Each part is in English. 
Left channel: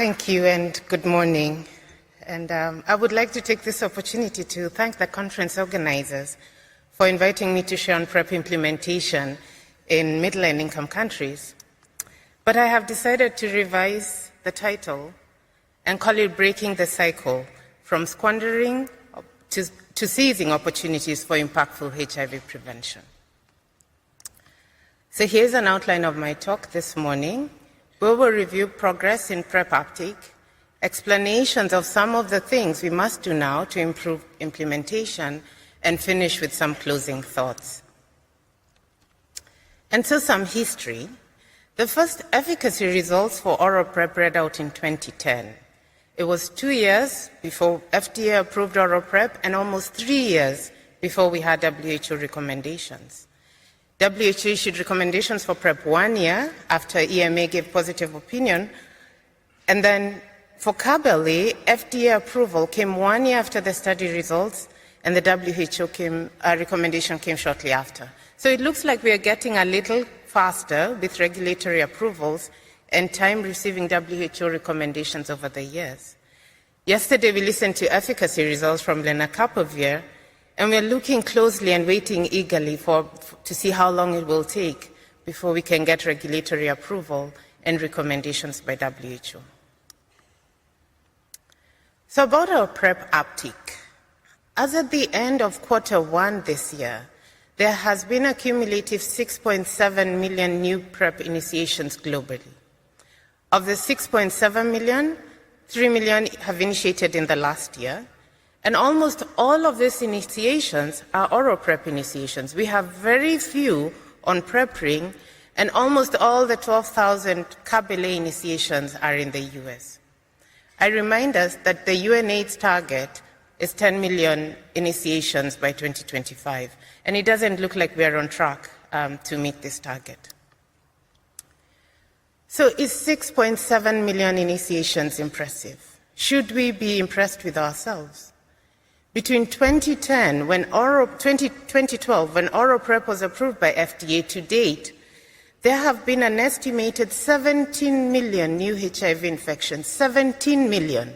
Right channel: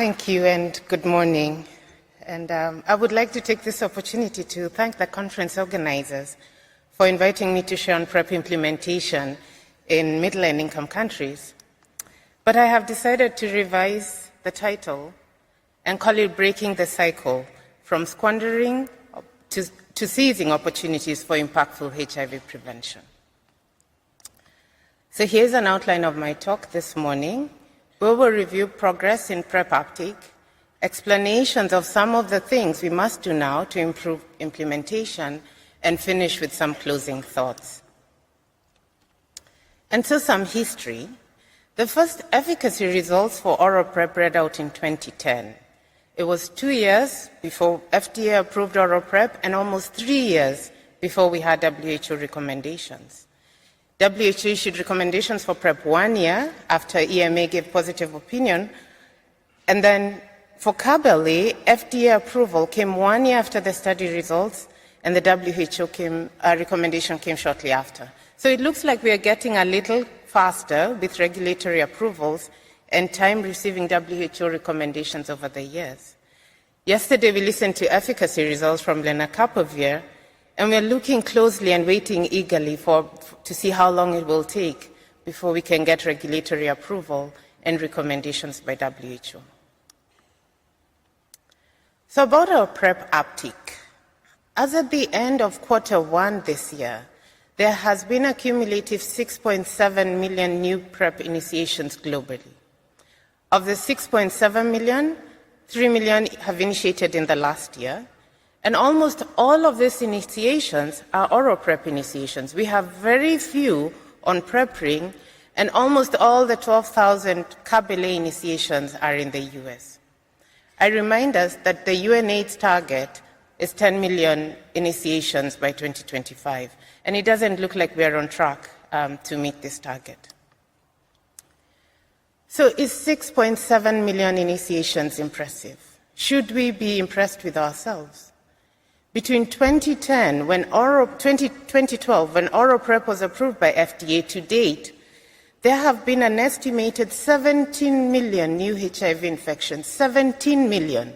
Thank you and good morning. And I would like to take this opportunity to thank the conference organizers for inviting me to share on PrEP implementation in middle and income countries. But I have decided to revise the title and call it Breaking the Cycle from Squandering to Seizing Opportunities for Impactful HIV Prevention. So here's an outline of my talk this morning. We will review progress in PrEP uptake, explanations of some of the things we must do now to improve implementation, and finish with some closing thoughts. And so some history. The first efficacy results for oral PrEP read out in 2010. It was 2 years before FDA approved oral PrEP and almost 3 years before we had WHO recommendations. WHO issued recommendations for PrEP 1 year after EMA gave positive opinion, and then for Caberly, FDA approval came 1 year after the study results, and the WHO recommendation came shortly after. So it looks like we are getting a little faster with regulatory approvals and time receiving WHO recommendations over the years. Yesterday, we listened to efficacy results from lenacapavir, and we're looking closely and waiting eagerly to see how long it will take before we can get regulatory approval and recommendations by WHO. So about our PrEP uptake. As at the end of Q1 this year, there has been a cumulative 6.7 million new PrEP initiations globally. Of the 6.7 million, 3 million have initiated in the last year, and almost all of these initiations are oral PrEP initiations. We have very few on PrEP ring, and almost all the 12,000 Caberly initiations are in the US. I remind us that the UNAIDS target is 10 million initiations by 2025, and it doesn't look like we're on track to meet this target. So is 6.7 million initiations impressive? Should we be impressed with ourselves? Between 2012, when oral PrEP was approved by FDA to date, there have been an estimated 17 million new HIV infections, 17 million.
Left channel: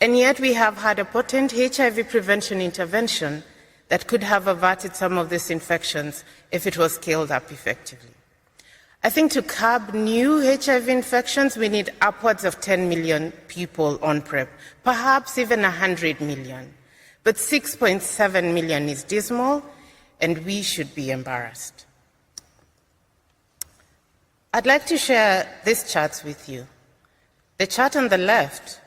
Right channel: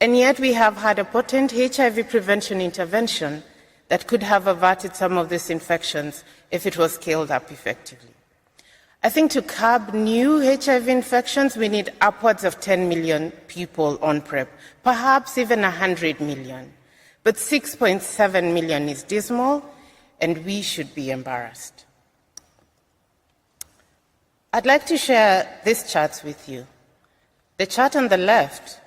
And yet we have had a potent HIV prevention intervention that could have averted some of these infections if it was scaled up effectively. I think to curb new HIV infections, we need upwards of 10 million people on PrEP, perhaps even 100 million. But 6.7 million is dismal, and we should be embarrassed. I'd like to share these charts with you. The chart on the left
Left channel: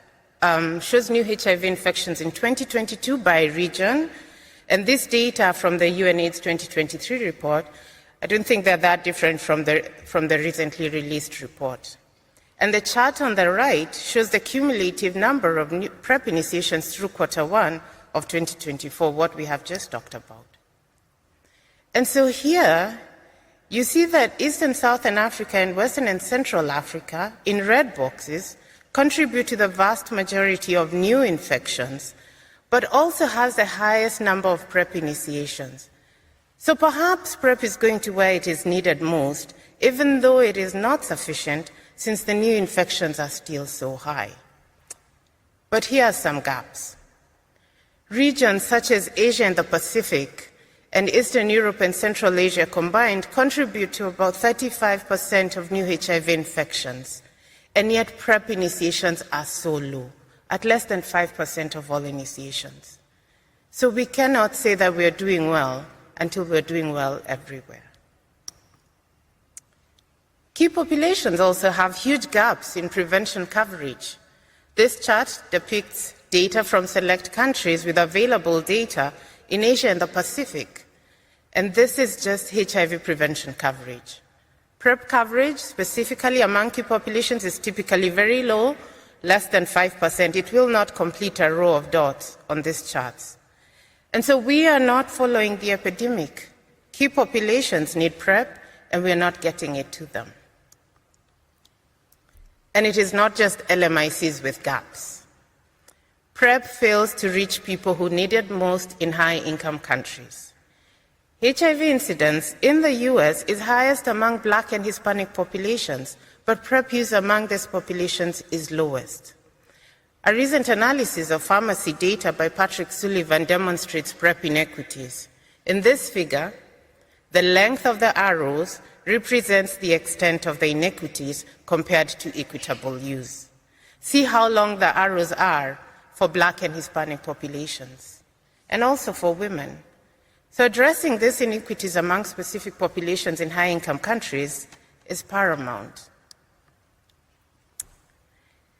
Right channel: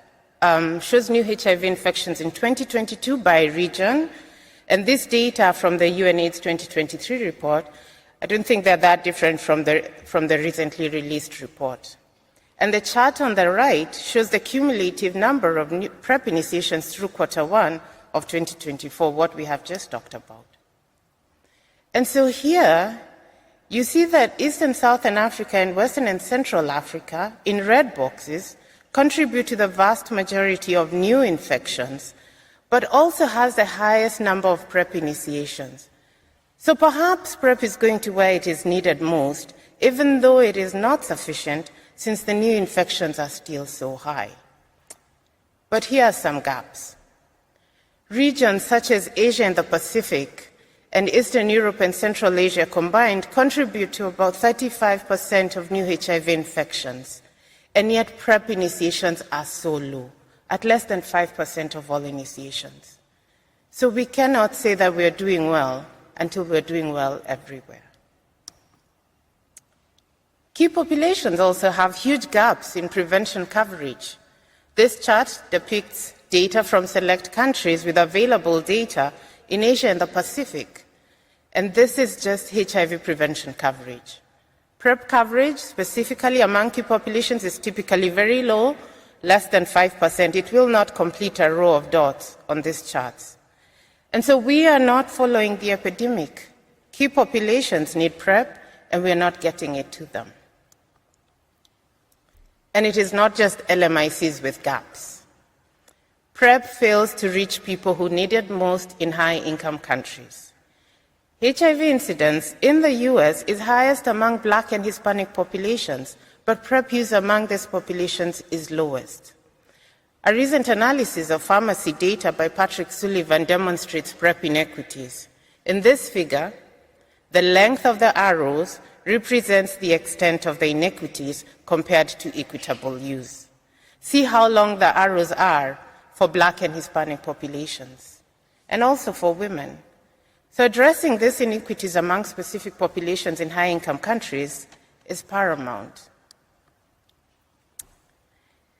shows new HIV infections in 2022 by region, and this data from the UNAIDS 2023 report, I don't think they're that different from the recently released report. And the chart on the right shows the cumulative number of new PrEP initiations through Q1 of 2024, what we have just talked about. And so here, you see that East and Southern Africa and Western and Central Africa, in red boxes, contribute to the vast majority of new infections, but also has the highest number of PrEP initiations. So perhaps PrEP is going to where it is needed most, even though it is not sufficient, since the new infections are still so high. But here are some gaps. Regions such as Asia and the Pacific and Eastern Europe and Central Asia combined contribute to about 35% of new HIV infections, and yet PrEP initiations are so low, at less than 5% of all initiations. So we cannot say that we're doing well until we're doing well everywhere. Key populations also have huge gaps in prevention coverage. This chart depicts data from select countries with available data in Asia and the Pacific. And this is just HIV prevention coverage. PrEP coverage, specifically among key populations, is typically very low, less than 5%. It will not complete a row of dots on these charts. And so we are not following the epidemic. Key populations need PrEP, and we are not getting it to them. And it is not just LMICs with gaps. PrEP fails to reach people who need it most in high-income countries. HIV incidence in the US is highest among Black and Hispanic populations, but PrEP use among these populations is lowest. A recent analysis of pharmacy data by Patrick Sullivan demonstrates PrEP inequities. In this figure, the length of the arrows represents the extent of the inequities compared to equitable use. See how long the arrows are for Black and Hispanic populations, and also for women. So addressing these inequities among specific populations in high-income countries is paramount.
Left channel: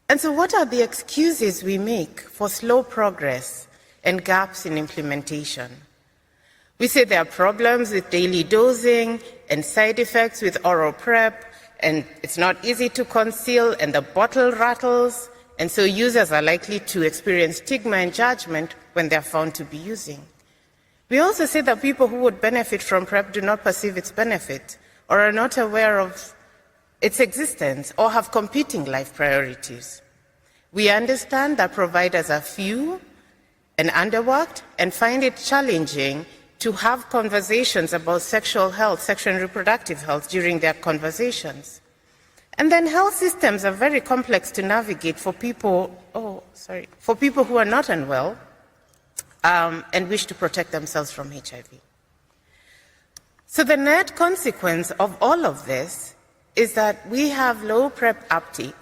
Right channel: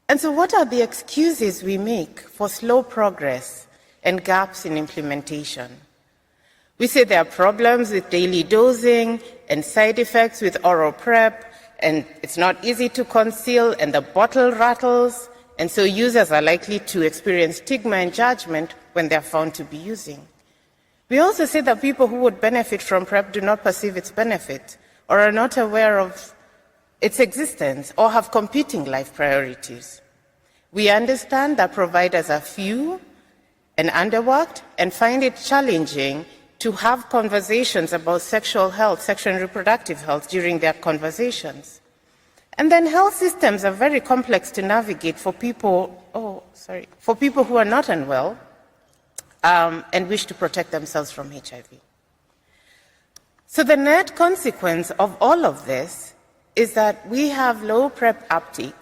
And so what are the excuses we make for slow progress and gaps in implementation? We say there are problems with daily dosing and side effects with oral PrEP, and it's not easy to conceal, and the bottle rattles, and so users are likely to experience stigma and judgment when they're found to be using. We also say that people who would benefit from PrEP do not perceive its benefit or are not aware of its existence or have competing life priorities. We understand that providers are few and underworked and find it challenging to have conversations about sexual health, sexual and reproductive health during their conversations. And then health systems are very complex to navigate for people, who are not unwell and wish to protect themselves from HIV. So the net consequence of all of this is that we have low PrEP uptake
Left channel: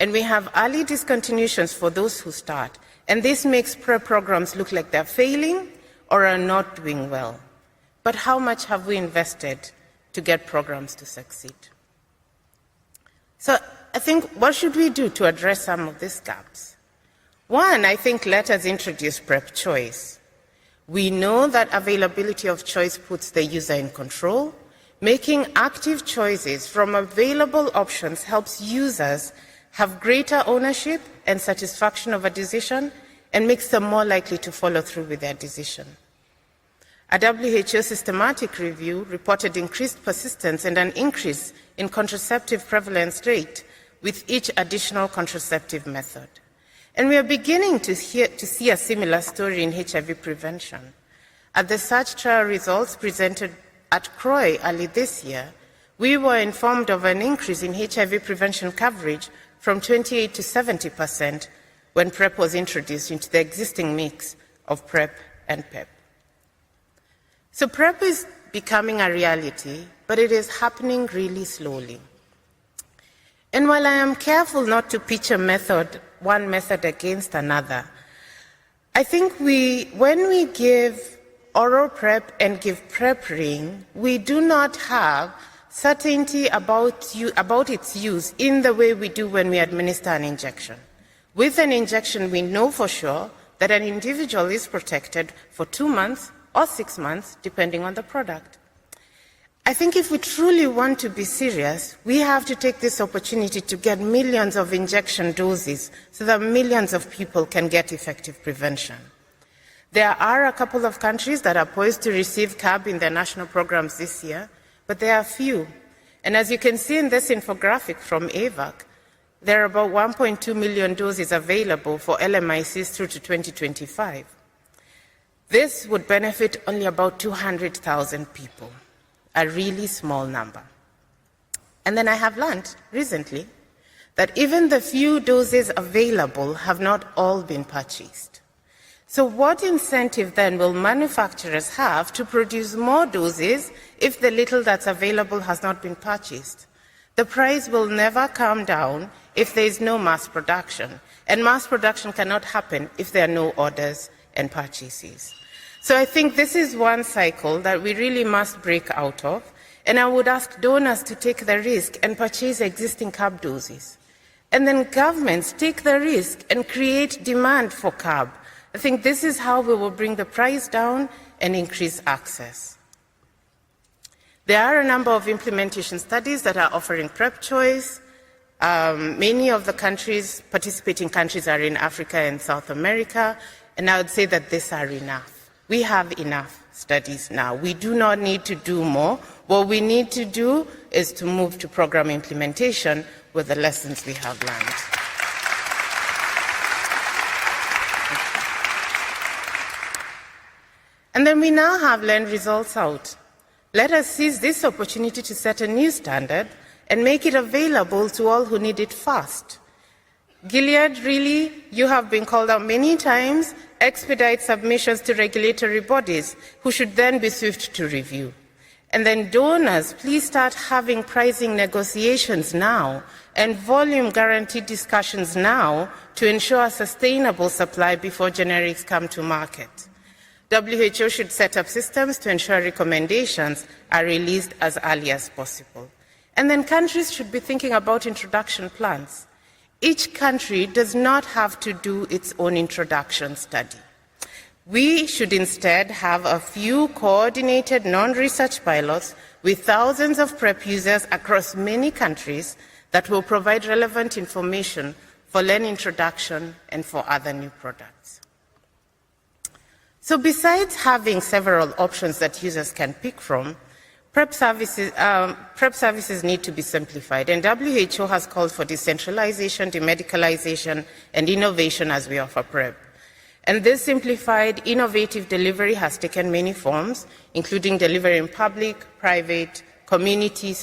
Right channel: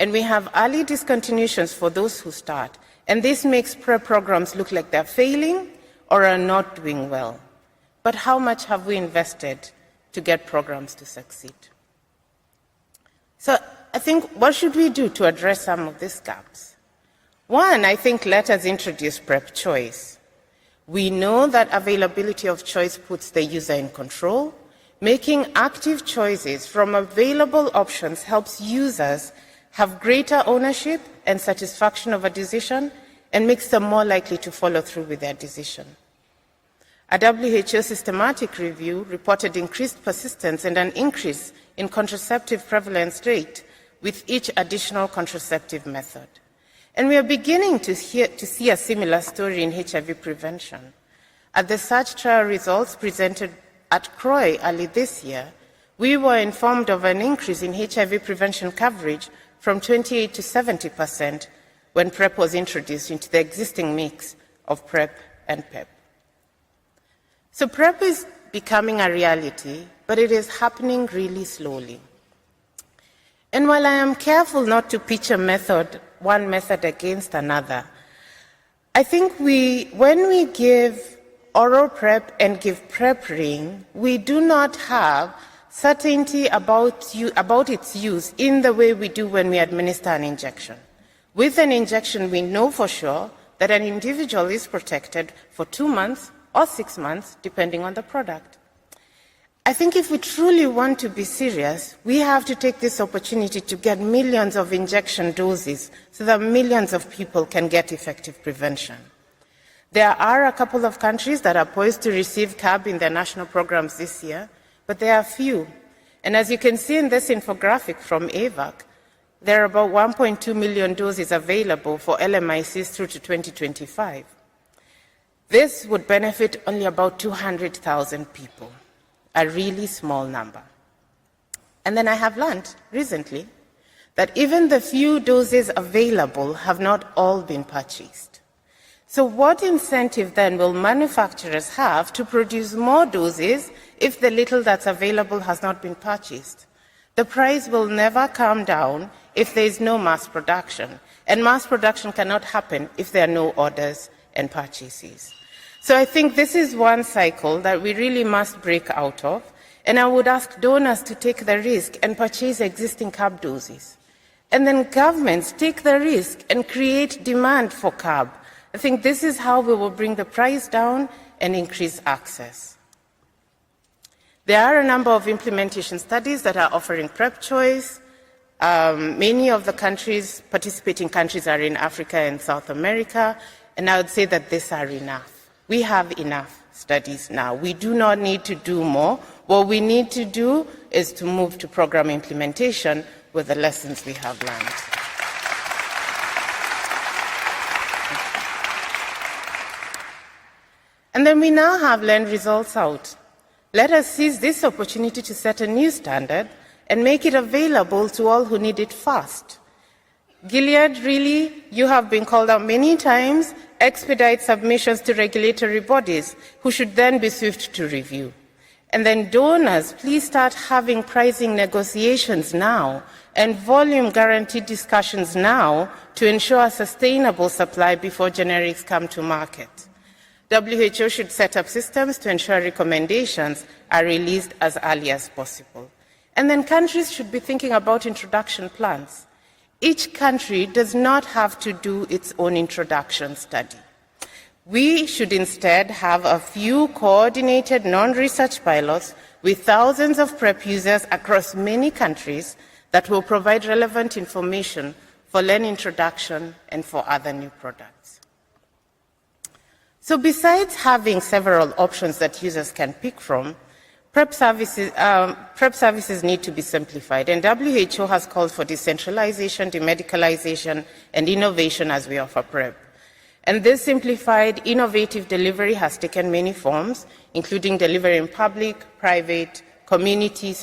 and we have early discontinuations for those who start. And this makes PrEP programs look like they're failing or are not doing well. But how much have we invested to get programs to succeed? So I think, what should we do to address some of these gaps? One, I think, let us introduce PrEP choice. We know that availability of choice puts the user in control. Making active choices from available options helps users have greater ownership and satisfaction of a decision and makes them more likely to follow through with their decision. A WHO systematic review reported increased persistence and an increase in contraceptive prevalence rate with each additional contraceptive method. And we are beginning to see a similar story in HIV prevention. At the SARCH trial results presented at CROI early this year, we were informed of an increase in HIV prevention coverage from 28 to 70% when PrEP was introduced into the existing mix of PrEP and PEP. So PrEP is becoming a reality, but it is happening really slowly. And while I am careful not to pitch one method against another, I think when we give oral PrEP and give PrEP ring, we do not have certainty about its use in the way we do when we administer an injection. With an injection, we know for sure that an individual is protected for 2 months or 6 months, depending on the product. I think if we truly want to be serious, we have to take this opportunity to get millions of injection doses so that millions of people can get effective prevention. There are a couple of countries that are poised to receive CAB in their national programs this year, but there are few. And as you can see in this infographic from AVAC, there are about 1.2 million doses available for LMICs through to 2025. This would benefit only about 200,000 people, a really small number. And then I have learned recently that even the few doses available have not all been purchased. So what incentive then will manufacturers have to produce more doses if the little that's available has not been purchased? The price will never come down if there is no mass production, and mass production cannot happen if there are no orders and purchases. So I think this is one cycle that we really must break out of, and I would ask donors to take the risk and purchase existing CAB doses. And then governments take the risk and create demand for CAB. I think this is how we will bring the price down and increase access. There are a number of implementation studies that are offering PrEP choice. Many of the participating countries are in Africa and South America, and I would say that these are enough. We have enough studies now. We do not need to do more. What we need to do is to move to program implementation with the lessons we have learned. And then we now have learned results out. Let us seize this opportunity to set a new standard and make it available to all who need it fast. Gilead, really, you have been called out many times, expedite submissions to regulatory bodies, who should then be swift to review. And then donors, please start having pricing negotiations now and volume guarantee discussions now to ensure a sustainable supply before generics come to market. WHO should set up systems to ensure recommendations are released as early as possible. And then countries should be thinking about introduction plans. Each country does not have to do its own introduction study. We should instead have a few coordinated non-research pilots with thousands of PrEP users across many countries that will provide relevant information for LEN introduction and for other new products. So besides having several options that users can pick from, PrEP services need to be simplified, and WHO has called for decentralization, demedicalization, and innovation as we offer PrEP. And this simplified, innovative delivery has taken many forms, including delivery in public, private, community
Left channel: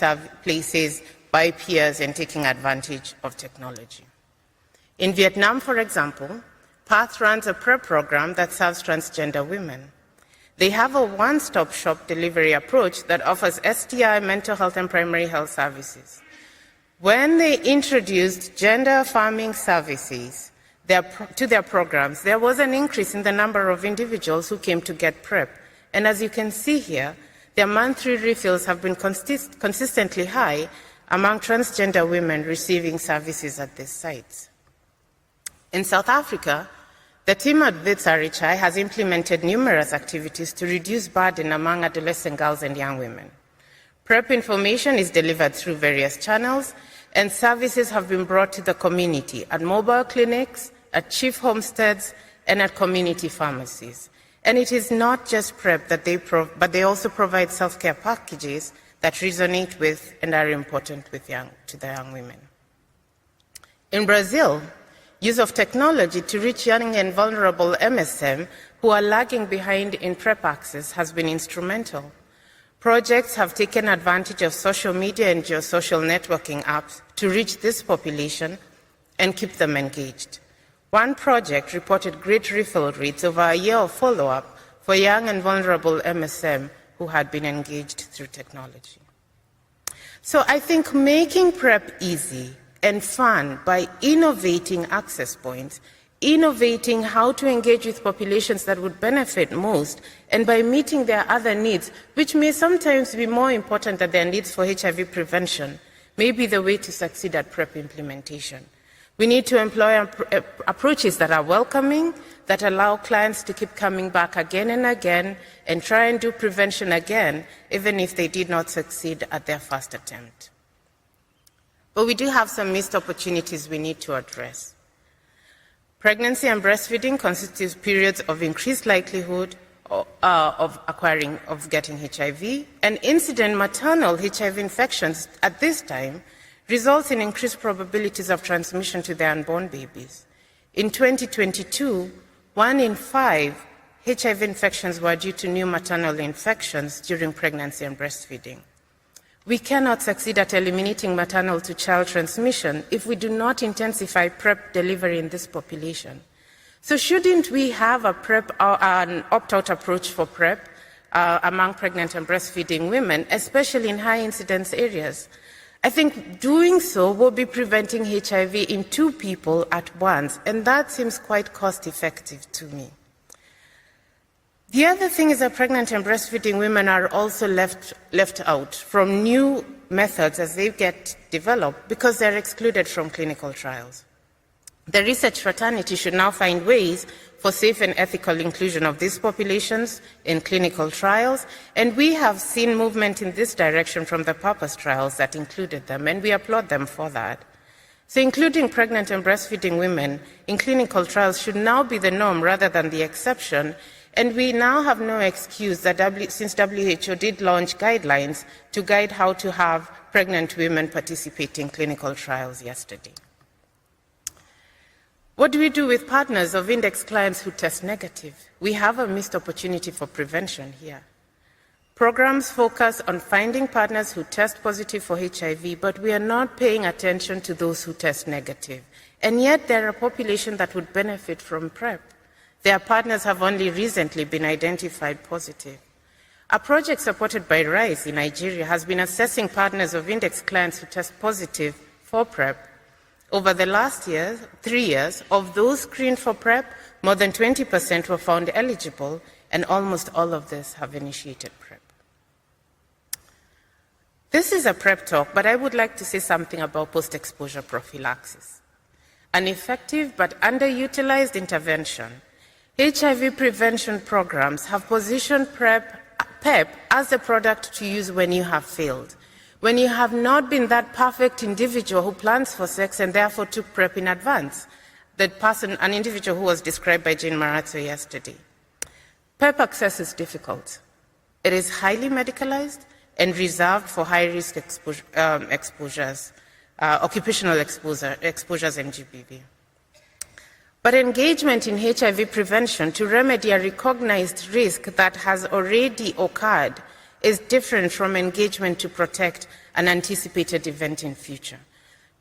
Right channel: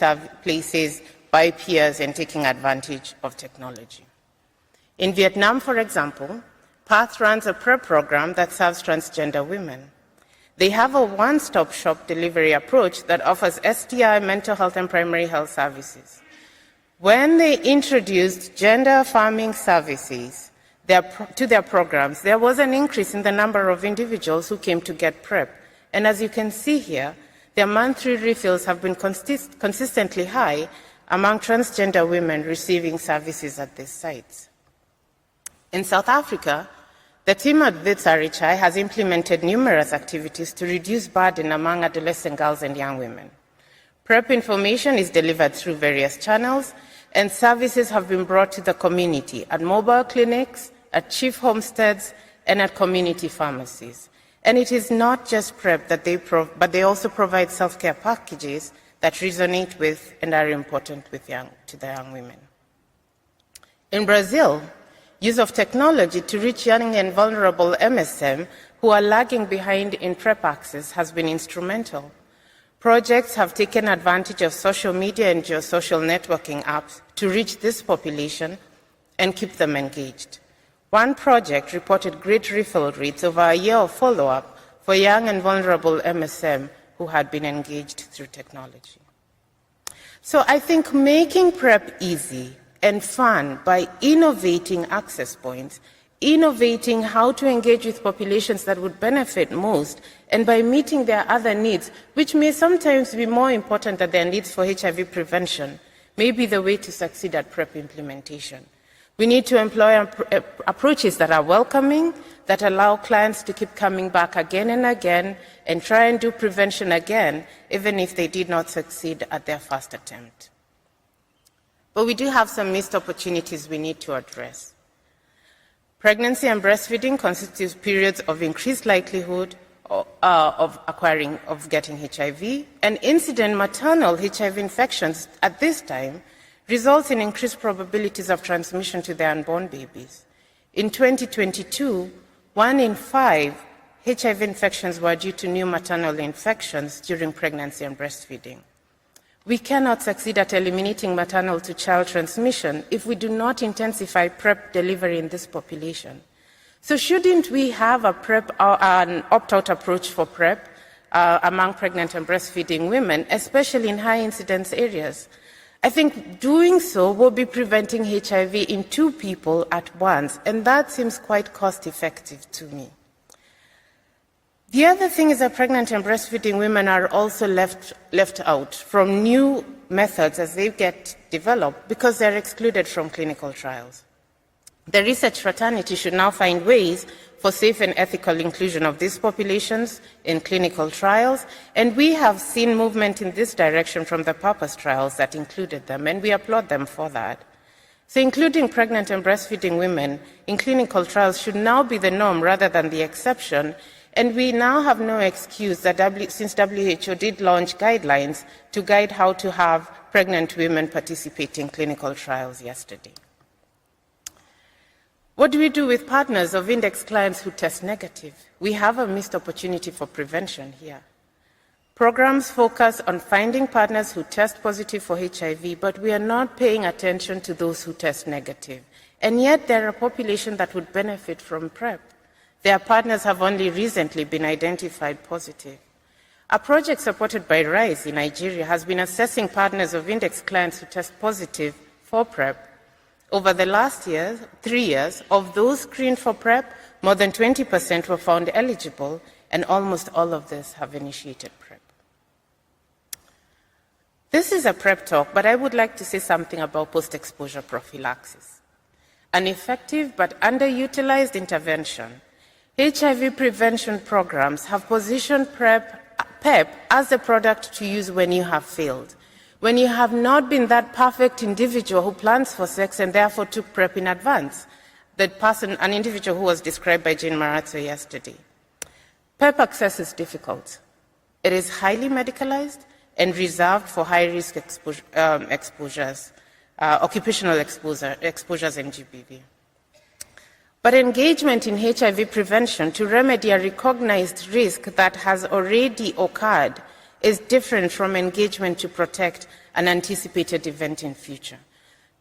places, by peers, and taking advantage of technology. In Vietnam, for example, PATH runs a PrEP program that serves transgender women. They have a one-stop shop delivery approach that offers STI, mental health, and primary health services. When they introduced gender-affirming services to their programs, there was an increase in the number of individuals who came to get PrEP. And as you can see here, their monthly refills have been consistently high among transgender women receiving services at these sites. In South Africa, the team at WITS RHI has implemented numerous activities to reduce burden among adolescent girls and young women. PrEP information is delivered through various channels, and services have been brought to the community at mobile clinics, at chief homesteads, and at community pharmacies. And it is not just PrEP that but they also provide self-care packages that resonate with and are important to the young women. In Brazil, use of technology to reach young and vulnerable MSM who are lagging behind in PrEP access has been instrumental. Projects have taken advantage of social media and geosocial networking apps to reach this population and keep them engaged. One project reported great refill rates over a year of follow-up for young and vulnerable MSM who had been engaged through technology. So I think making PrEP easy and fun by innovating access points, innovating how to engage with populations that would benefit most, and by meeting their other needs, which may sometimes be more important than their needs for HIV prevention, may be the way to succeed at PrEP implementation. We need to employ approaches that are welcoming, that allow clients to keep coming back again and again, and try and do prevention again, even if they did not succeed at their first attempt. But we do have some missed opportunities we need to address. Pregnancy and breastfeeding constitutes periods of increased likelihood of getting HIV, and incident maternal HIV infections at this time results in increased probabilities of transmission to their unborn babies. In 2022, 1 in 5 HIV infections were due to new maternal infections during pregnancy and breastfeeding. We cannot succeed at eliminating maternal to child transmission if we do not intensify PrEP delivery in this population. So shouldn't we have an opt-out approach for PrEP among pregnant and breastfeeding women, especially in high incidence areas? I think doing so will be preventing HIV in 2 people at once, and that seems quite cost-effective to me. The other thing is that pregnant and breastfeeding women are also left out from new methods as they get developed because they're excluded from clinical trials. The research fraternity should now find ways for safe and ethical inclusion of these populations in clinical trials, and we have seen movement in this direction from the PURPOSE trials that included them, and we applaud them for that. So including pregnant and breastfeeding women in clinical trials should now be the norm rather than the exception. And we now have no excuse that since WHO did launch guidelines to guide how to have pregnant women participate in clinical trials yesterday. What do we do with partners of index clients who test negative? We have a missed opportunity for prevention here. Programs focus on finding partners who test positive for HIV, but we are not paying attention to those who test negative. And yet there are a population that would benefit from PrEP. Their partners have only recently been identified positive. A project supported by RISE in Nigeria has been assessing partners of index clients who test positive for PrEP. Over the last 3 years, of those screened for PrEP, more than 20% were found eligible, and almost all of this have initiated PrEP. This is a PrEP talk, but I would like to say something about post-exposure prophylaxis. An effective but underutilized intervention. HIV prevention programs have positioned PrEP as the product to use when you have failed, when you have not been that perfect individual who plans for sex and therefore took PrEP in advance, an individual who was described by Jane Marazzo yesterday. PrEP access is difficult. It is highly medicalized and reserved for high-risk exposures, occupational exposures and GBV. But engagement in HIV prevention to remedy a recognized risk that has already occurred is different from engagement to protect an anticipated event in future.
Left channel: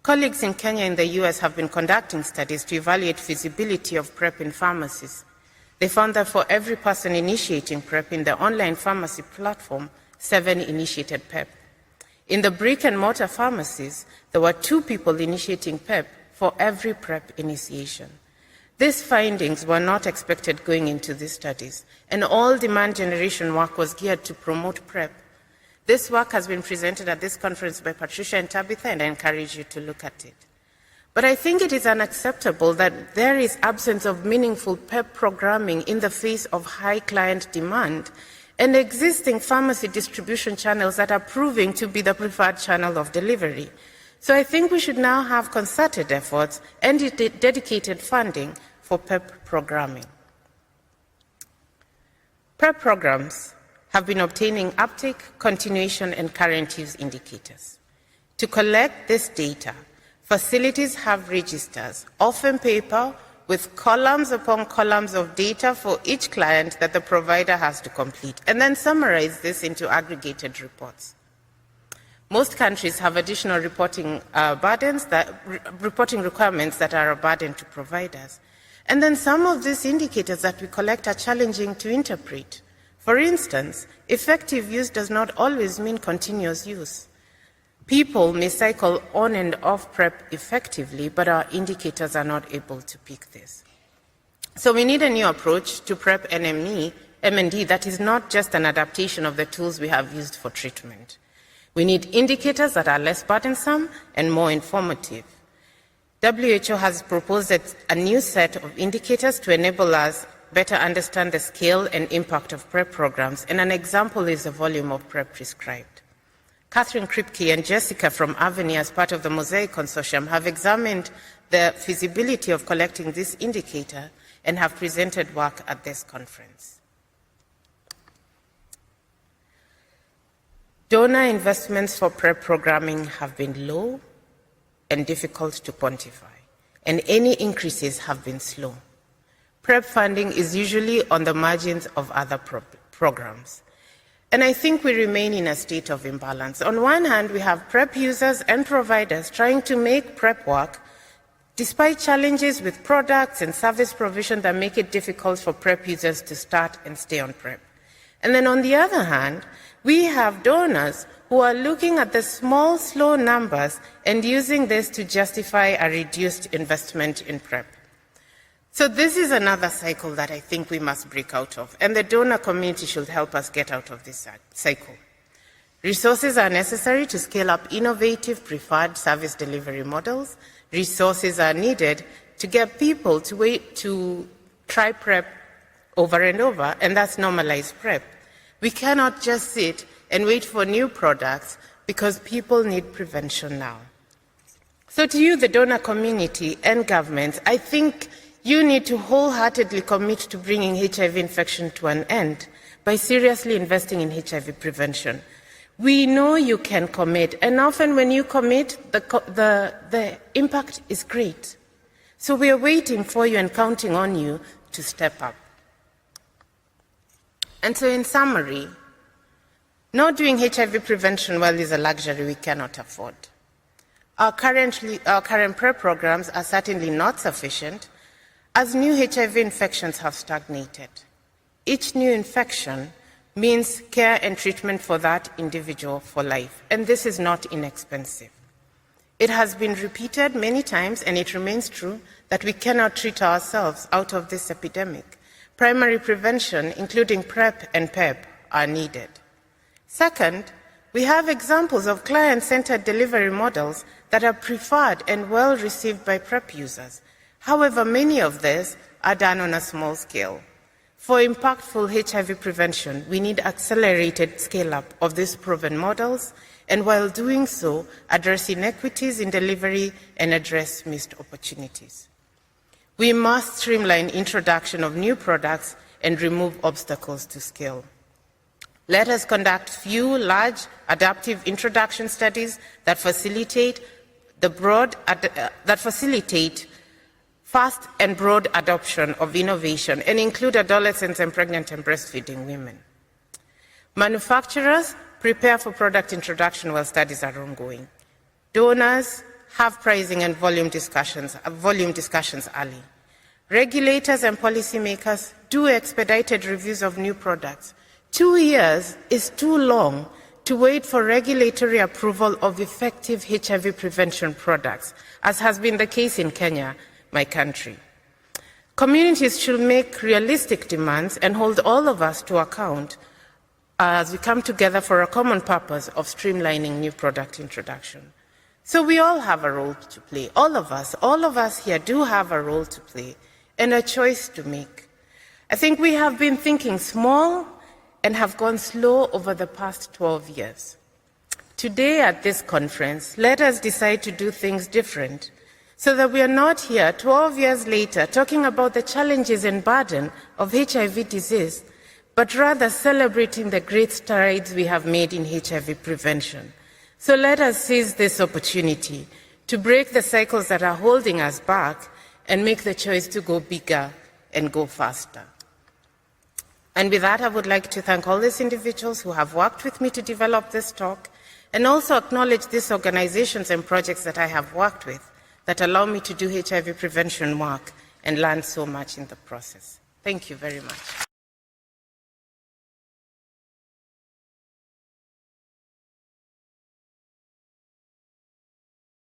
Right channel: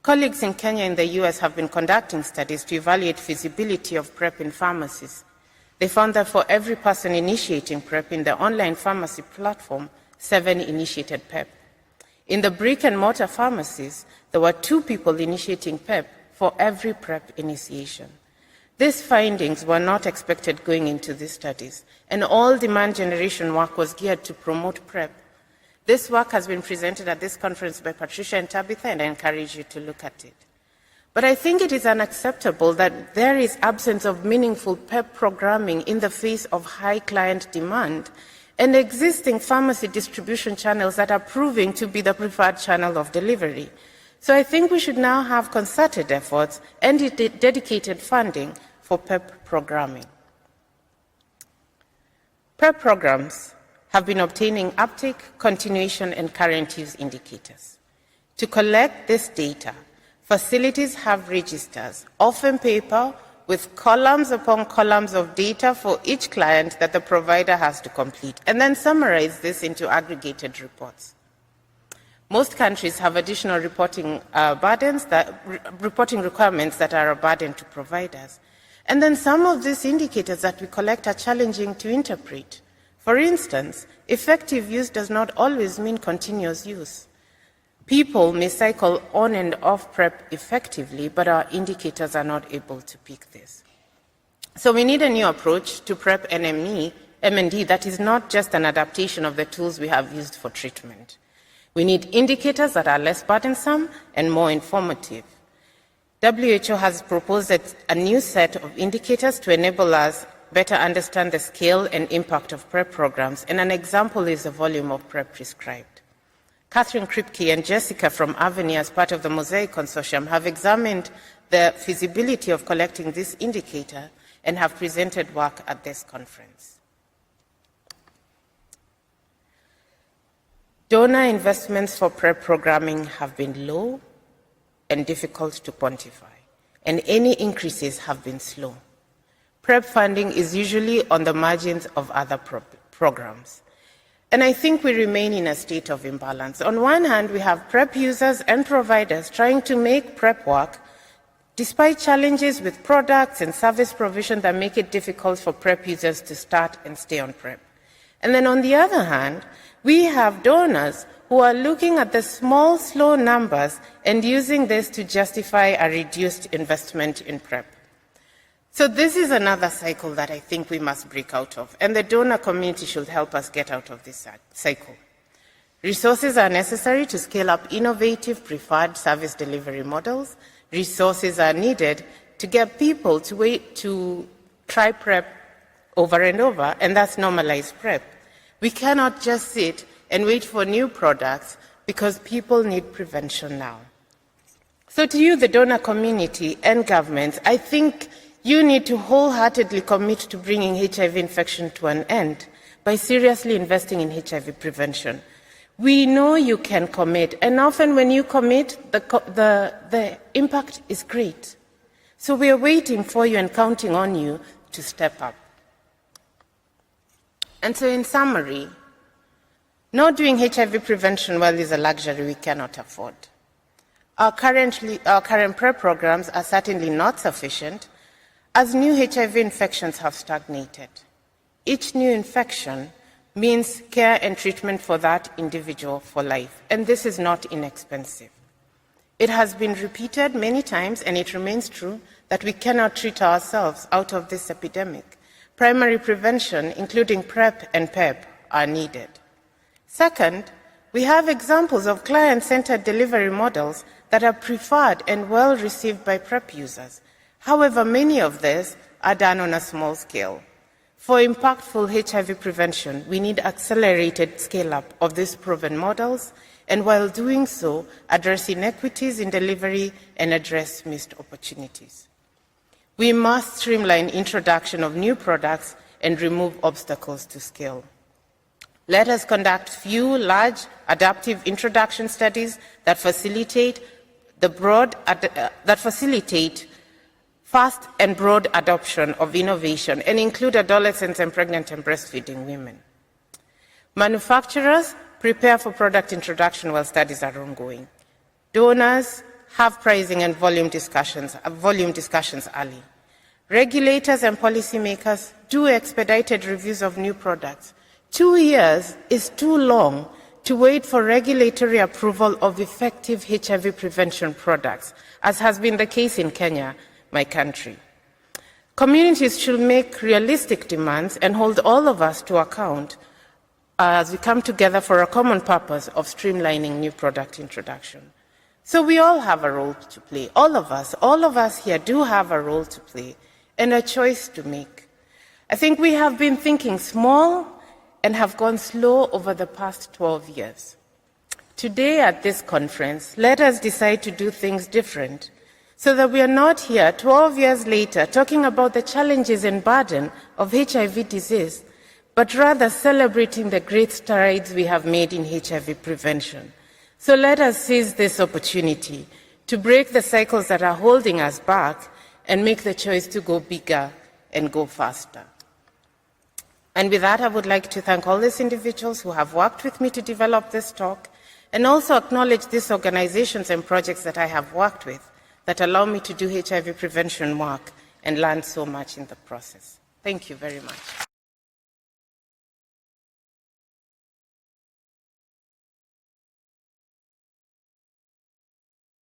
Colleagues in Kenya and the US have been conducting studies to evaluate feasibility of PrEP in pharmacies. They found that for every person initiating PrEP in the online pharmacy platform, 7 initiated PrEP. In the brick-and-mortar pharmacies, there were 2 people initiating PrEP for every PrEP initiation. These findings were not expected going into these studies, and all demand generation work was geared to promote PrEP. This work has been presented at this conference by Patricia and Tabitha, and I encourage you to look at it. But I think it is unacceptable that there is absence of meaningful PrEP programming in the face of high client demand and existing pharmacy distribution channels that are proving to be the preferred channel of delivery. So I think we should now have concerted efforts and dedicated funding for PrEP programming. PrEP programs have been obtaining uptake, continuation, and current use indicators. To collect this data, facilities have registers, often paper, with columns upon columns of data for each client that the provider has to complete, and then summarize this into aggregated reports. Most countries have additional reporting requirements that are a burden to providers. And then some of these indicators that we collect are challenging to interpret. For instance, effective use does not always mean continuous use. People may cycle on and off PrEP effectively, but our indicators are not able to pick this. So we need a new approach to PrEP MND that is not just an adaptation of the tools we have used for treatment. We need indicators that are less burdensome and more informative. WHO has proposed a new set of indicators to enable us better understand the scale and impact of PrEP programs, and an example is the volume of PrEP prescribed. Catherine Kripke and Jessica from Aveni, as part of the Mosaic Consortium, have examined the feasibility of collecting this indicator and have presented work at this conference. Donor investments for PrEP programming have been low and difficult to quantify, and any increases have been slow. PrEP funding is usually on the margins of other programs. And I think we remain in a state of imbalance. On one hand, we have PrEP users and providers trying to make PrEP work, despite challenges with products and service provision that make it difficult for PrEP users to start and stay on PrEP. And then on the other hand, we have donors who are looking at the small, slow numbers and using this to justify a reduced investment in PrEP. So this is another cycle that I think we must break out of, and the donor community should help us get out of this cycle. Resources are necessary to scale up innovative preferred service delivery models. Resources are needed to get people to try PrEP over and over, and that's normalized PrEP. We cannot just sit and wait for new products because people need prevention now. So to you, the donor community and governments, I think you need to wholeheartedly commit to bringing HIV infection to an end by seriously investing in HIV prevention. We know you can commit, and often when you commit, the impact is great. So we are waiting for you and counting on you to step up. And so in summary, Not doing HIV prevention well is a luxury we cannot afford. Our current PrEP programs are certainly not sufficient, as new HIV infections have stagnated. Each new infection means care and treatment for that individual for life, and this is not inexpensive. It has been repeated many times, and it remains true, that we cannot treat ourselves out of this epidemic. Primary prevention, including PrEP and PEP, are needed. Second, we have examples of client-centered delivery models that are preferred and well received by PrEP users. However, many of these are done on a small scale. For impactful HIV prevention, we need accelerated scale-up of these proven models, and while doing so, address inequities in delivery and address missed opportunities. We must streamline introduction of new products and remove obstacles to scale. Let us conduct few large adaptive introduction studies that facilitate fast and broad adoption of innovation and include adolescents and pregnant and breastfeeding women. Manufacturers prepare for product introduction while studies are ongoing. Donors have pricing and volume discussions early. Regulators and policymakers do expedited reviews of new products. 2 years is too long to wait for regulatory approval of effective HIV prevention products, as has been the case in Kenya, my country. Communities should make realistic demands and hold all of us to account as we come together for a common purpose of streamlining new product introduction. So we all have a role to play. All of us here do have a role to play and a choice to make. I think we have been thinking small and have gone slow over the past 12 years. Today at this conference, let us decide to do things different so that we are not here 12 years later talking about the challenges and burden of HIV disease, but rather celebrating the great strides we have made in HIV prevention. So let us seize this opportunity to break the cycles that are holding us back and make the choice to go bigger and go faster. And with that, I would like to thank all these individuals who have worked with me to develop this talk, and also acknowledge these organizations and projects that I have worked with that allow me to do HIV prevention work and learn so much in the process. Thank you very much.